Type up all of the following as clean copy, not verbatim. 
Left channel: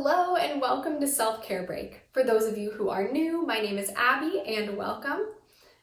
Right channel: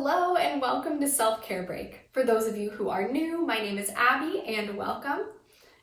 Hello and welcome to Self-Care Break. For those of you who are new, my name is Abby and welcome.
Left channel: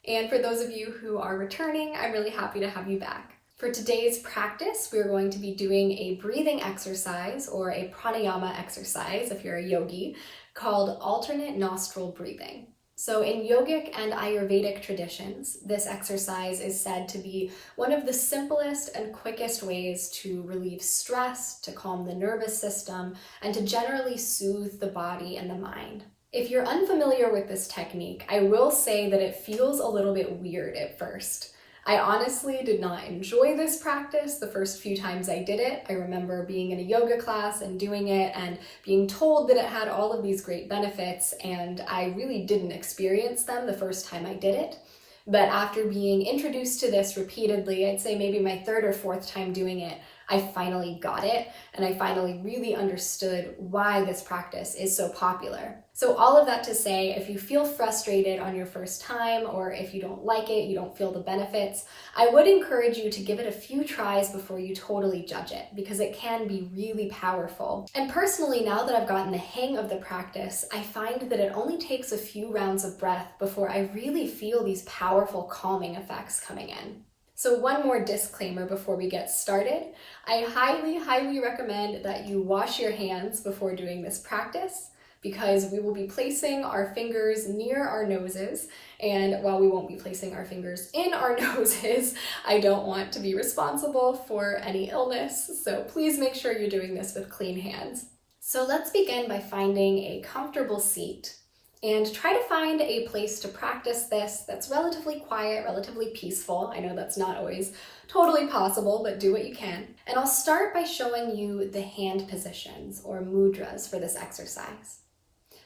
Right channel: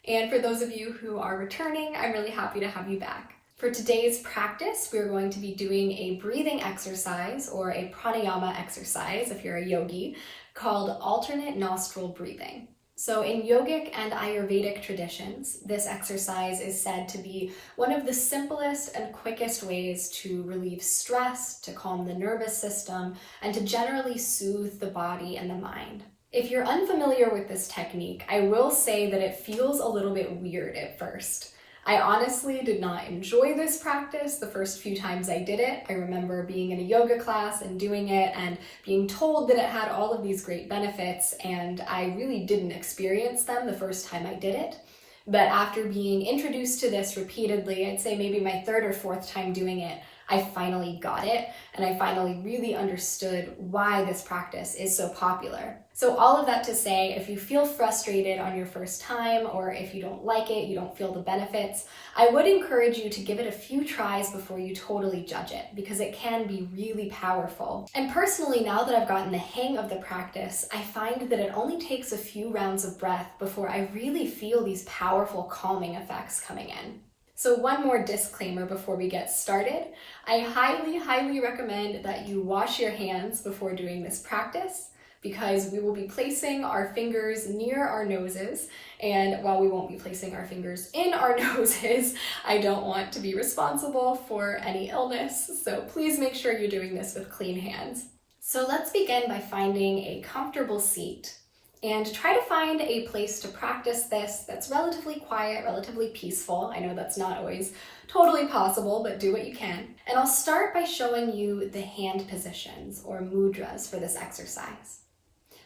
And for those of you who are returning, I'm really happy to have you back. For today's practice, we're going to be doing a breathing exercise or a pranayama exercise, if you're a yogi, called alternate nostril breathing. So in yogic and Ayurvedic traditions, this exercise is said to be one of the simplest and quickest ways to relieve stress, to calm the nervous system, and to generally soothe the body and the mind. If you're unfamiliar with this technique, I will say that it feels a little bit weird at first. I honestly did not enjoy this practice the first few times I did it. I remember being in a yoga class and doing it and being told that it had all of these great benefits, and I really didn't experience them the first time I did it. But after being introduced to this repeatedly, I'd say maybe my third or fourth time doing it, I finally got it, and I finally really understood why this practice is so popular. So all of that to say, if you feel frustrated on your first time, or if you don't like it, you don't feel the benefits, I would encourage you to give it a few tries before you totally judge it, because it can be really powerful. And personally, now that I've gotten the hang of the practice, I find that it only takes a few rounds of breath before I really feel these powerful calming effects coming in. So one more disclaimer before we get started. I highly recommend that you wash your hands before doing this practice, because we will be placing our fingers near our noses, and while we won't be placing our fingers in our noses, I don't want to be responsible for any illness, so please make sure you're doing this with clean hands. So let's begin by finding a comfortable seat. And try to find a place to practice this that's relatively quiet, relatively peaceful. I know that's not always totally possible, but do what you can. And I'll start by showing you the hand positions or mudras for this exercise.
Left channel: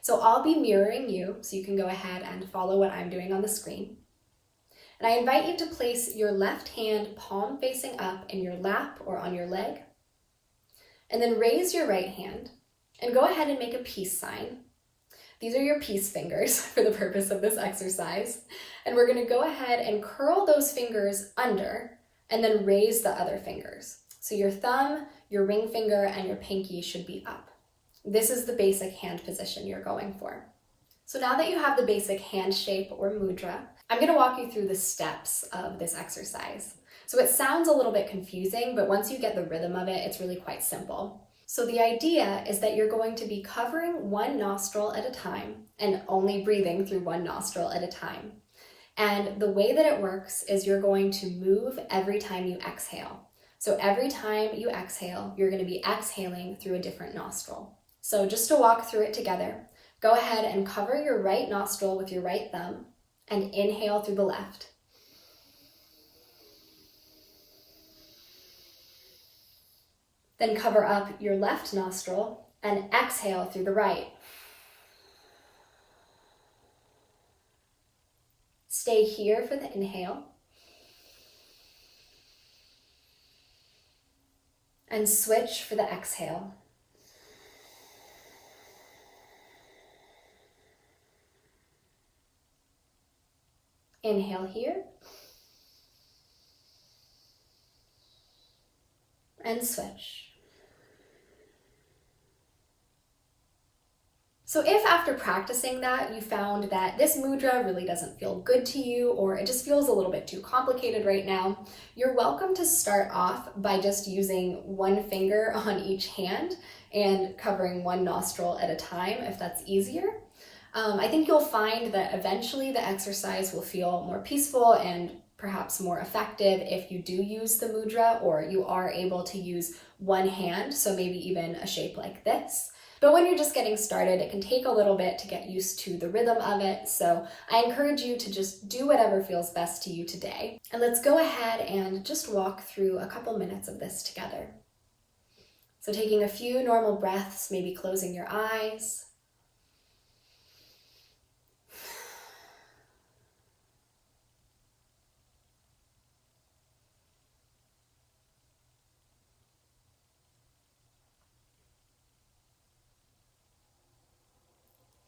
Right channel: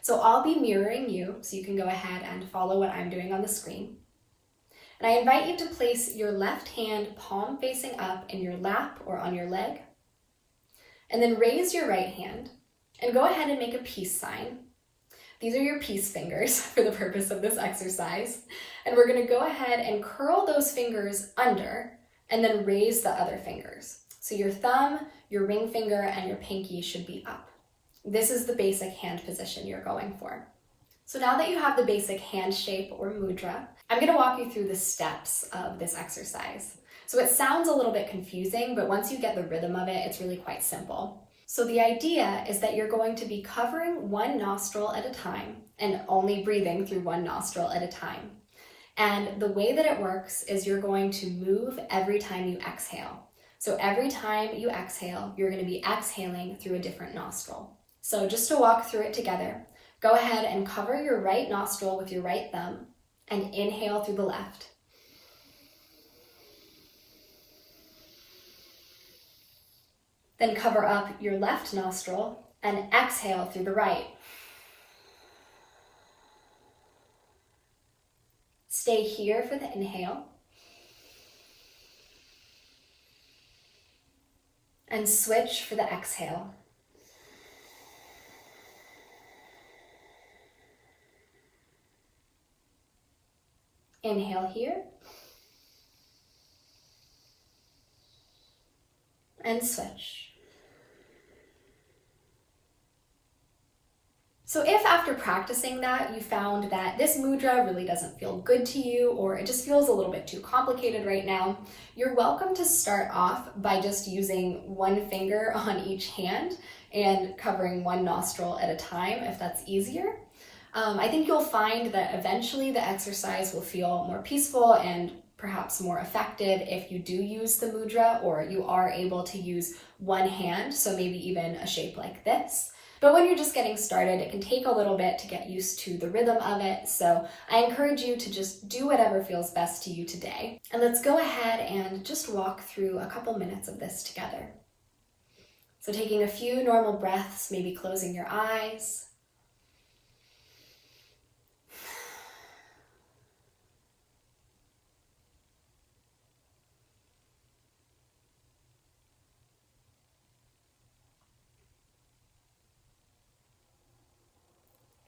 So I'll be mirroring you, so you can go ahead and follow what I'm doing on the screen. And I invite you to place your left hand palm facing up in your lap or on your leg. And then raise your right hand and go ahead and make a peace sign. These are your peace fingers for the purpose of this exercise. And we're going to go ahead and curl those fingers under and then raise the other fingers. So your thumb, your ring finger, and your pinky should be up. This is the basic hand position you're going for. So now that you have the basic hand shape or mudra, I'm going to walk you through the steps of this exercise. So it sounds a little bit confusing, but once you get the rhythm of it, it's really quite simple. So the idea is that you're going to be covering one nostril at a time and only breathing through one nostril at a time. And the way that it works is you're going to move every time you exhale. So every time you exhale, you're going to be exhaling through a different nostril. So just to walk through it together, go ahead and cover your right nostril with your right thumb and inhale through the left. Then cover up your left nostril and exhale through the right. Stay here for the inhale. And switch for the exhale. Inhale here. And switch. So if after practicing that you found that this mudra really doesn't feel good to you, or it just feels a little bit too complicated right now, you're welcome to start off by just using one finger on each hand and covering one nostril at a time if that's easier. I think you'll find that eventually the exercise will feel more peaceful and perhaps more effective if you do use the mudra, or you are able to use one hand, so maybe even a shape like this. But when you're just getting started, it can take a little bit to get used to the rhythm of it, so I encourage you to just do whatever feels best to you today. And let's go ahead and just walk through a couple minutes of this together. So taking a few normal breaths, maybe closing your eyes.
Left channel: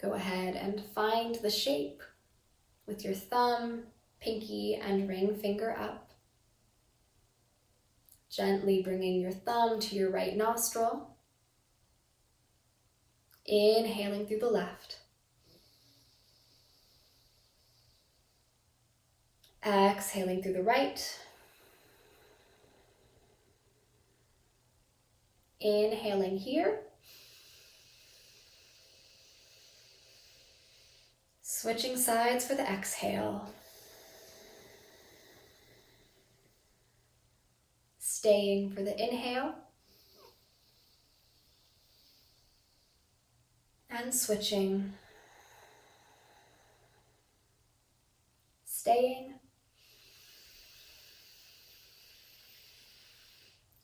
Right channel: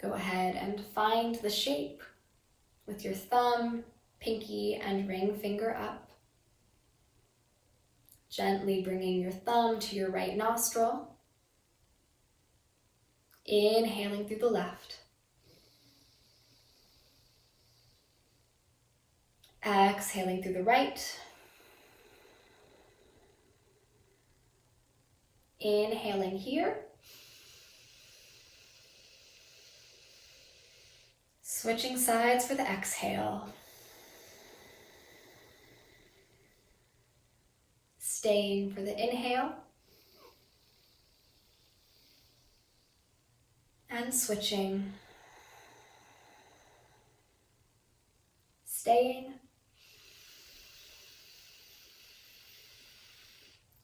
Go ahead and find the shape with your thumb, pinky, and ring finger up. Gently bringing your thumb to your right nostril. Inhaling through the left. Exhaling through the right. Inhaling here. Switching sides for the exhale. Staying for the inhale. And switching. Staying.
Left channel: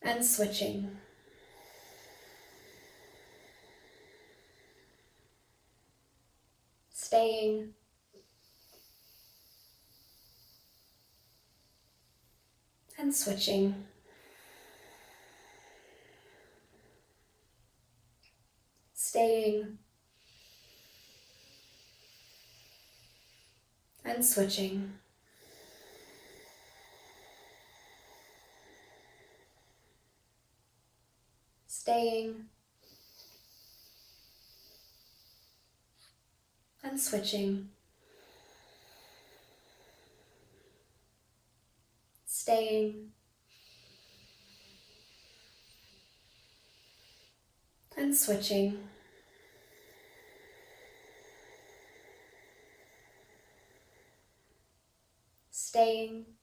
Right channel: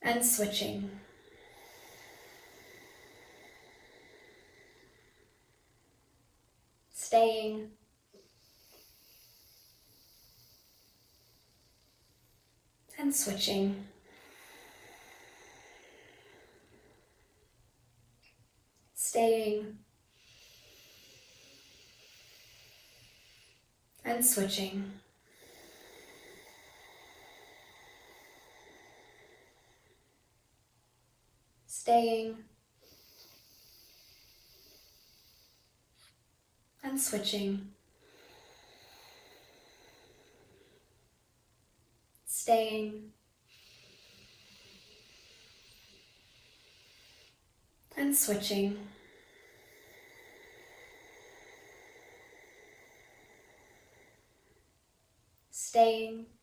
And switching. Staying. And switching. Staying. And switching. Staying. And switching. Staying. And switching. Staying.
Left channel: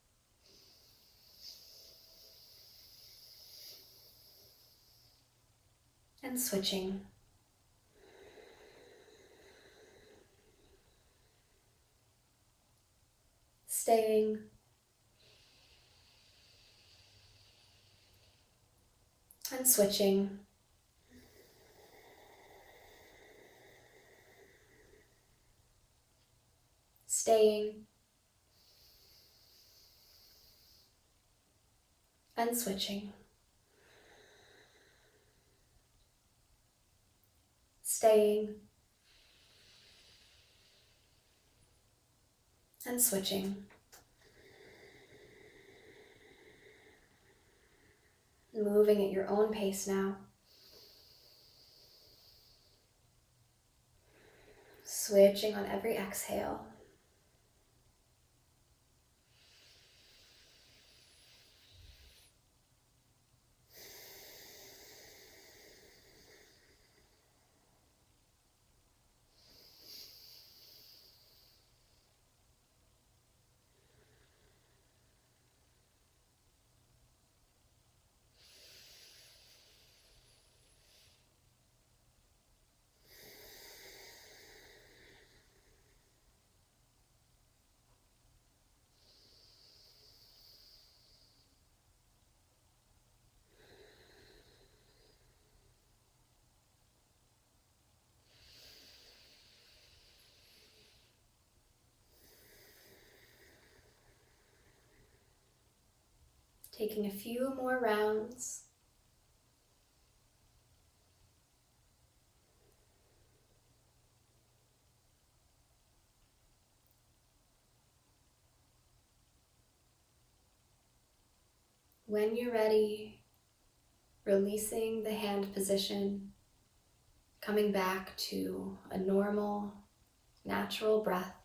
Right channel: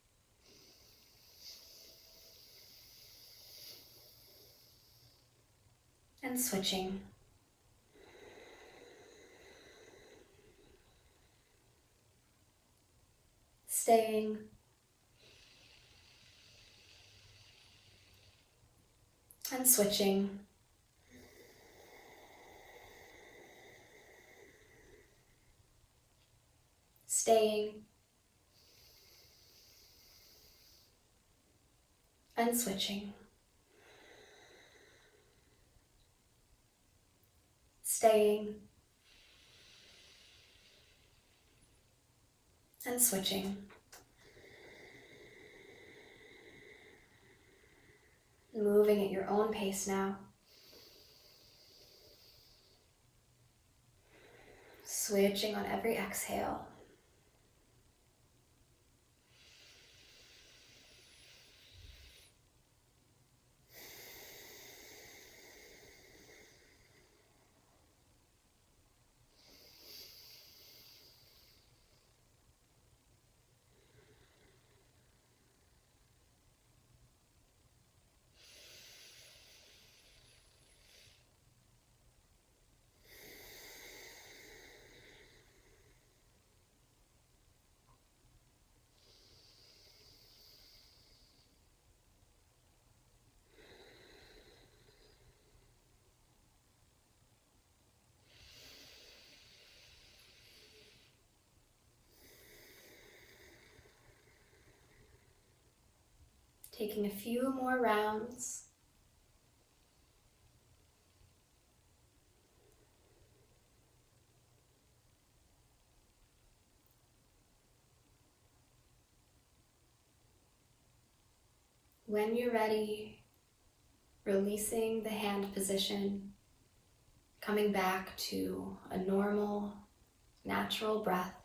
And switching. Staying. And switching. Staying. And switching. Staying. And switching. Moving at your own pace now. Switching on every exhale. Taking a few more rounds. When you're ready, releasing the hand position, coming back to a normal, natural breath.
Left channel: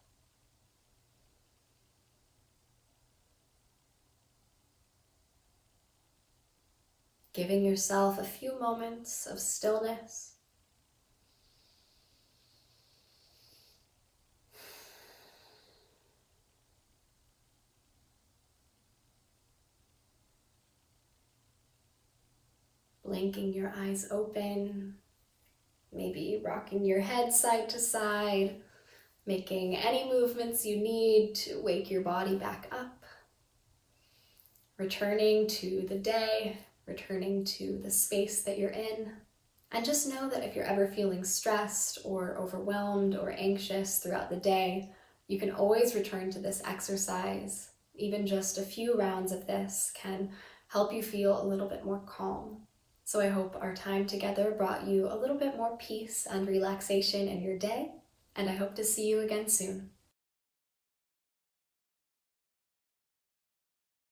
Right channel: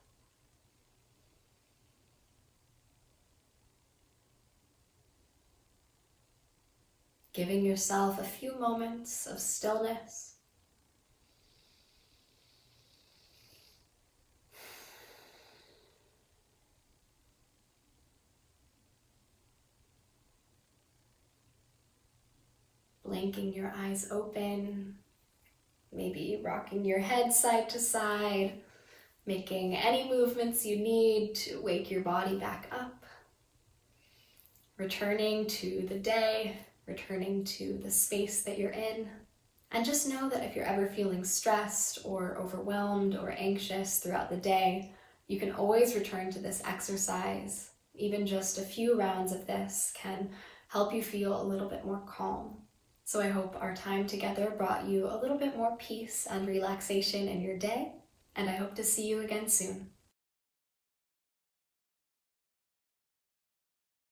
Giving yourself a few moments of stillness. Blinking your eyes open, maybe rocking your head side to side, making any movements you need to wake your body back up. Returning to the day, returning to the space that you're in. And just know that if you're ever feeling stressed or overwhelmed or anxious throughout the day, you can always return to this exercise. Even just a few rounds of this can help you feel a little bit more calm. So I hope our time together brought you a little bit more peace and relaxation in your day, and I hope to see you again soon.